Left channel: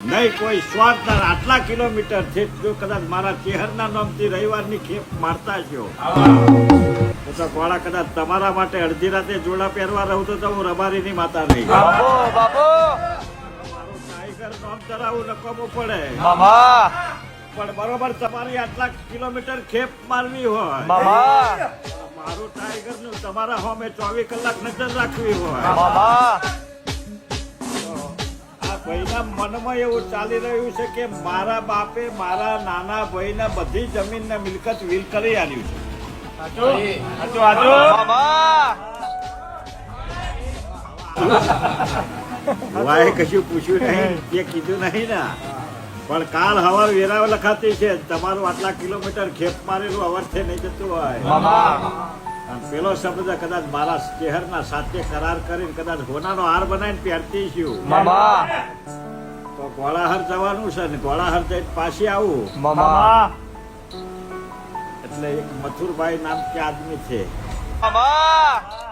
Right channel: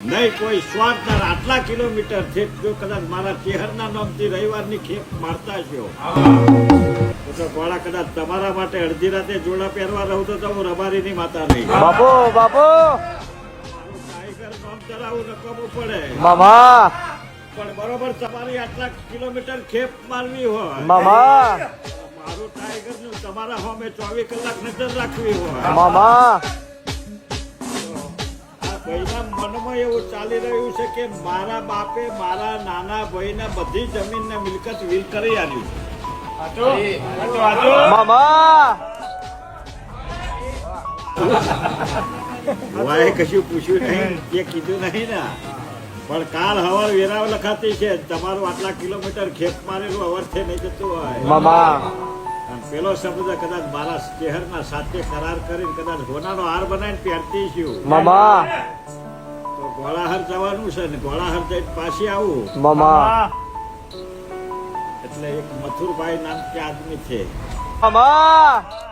નહીં કોઈ સ્વાર્થ આટલા કિલોમીટર છે જો કદાચ મારા ચેહરના નામથી રવિવારની ખેપ મારતા છો તો ગોળા કદાચ તમારા માટે અડધી રાતે જોડા પહેરવા રહું તો હું રબારીની માતા નહીં. ટાઈગર નામ ધરાવું નકામું પડે. પણ બરોબર તમારી આટલા કિલોમીટર ખેપ મારવી હોય. મારું ટાઈગરનું તમારા હોમે ચોવીસ કલાક નજર રાખવી હોય. ભાઈના મનમાં એવું ચાલી રહ્યું છે કે મારા બાપે મારા નાના ભાઈને બધી જમીન ને મિલકત વીર કરી આલ્યું કશું પૂછ્યું નહીં એ કીધું નહીં ને. પણ કાલ હવાર વેરાવ લખાતી છે તમારું આટલા કિલોમીટર ખેપ મારેલું અવરથી નહીં જતું હોય. અને પેલો શબ્દ કદાચ મારા શહેરના સાથે કરાર કરીને કદાચ હોનાનો હાર બનાવીને પહેરતી છું. મામા. તો ગોળાહર જવાનું છે ને ગોળાહર જઈને પાછી આવું. મામા. એટલે એક મથુરભાઈ નામ કે આદમી છે. મામા.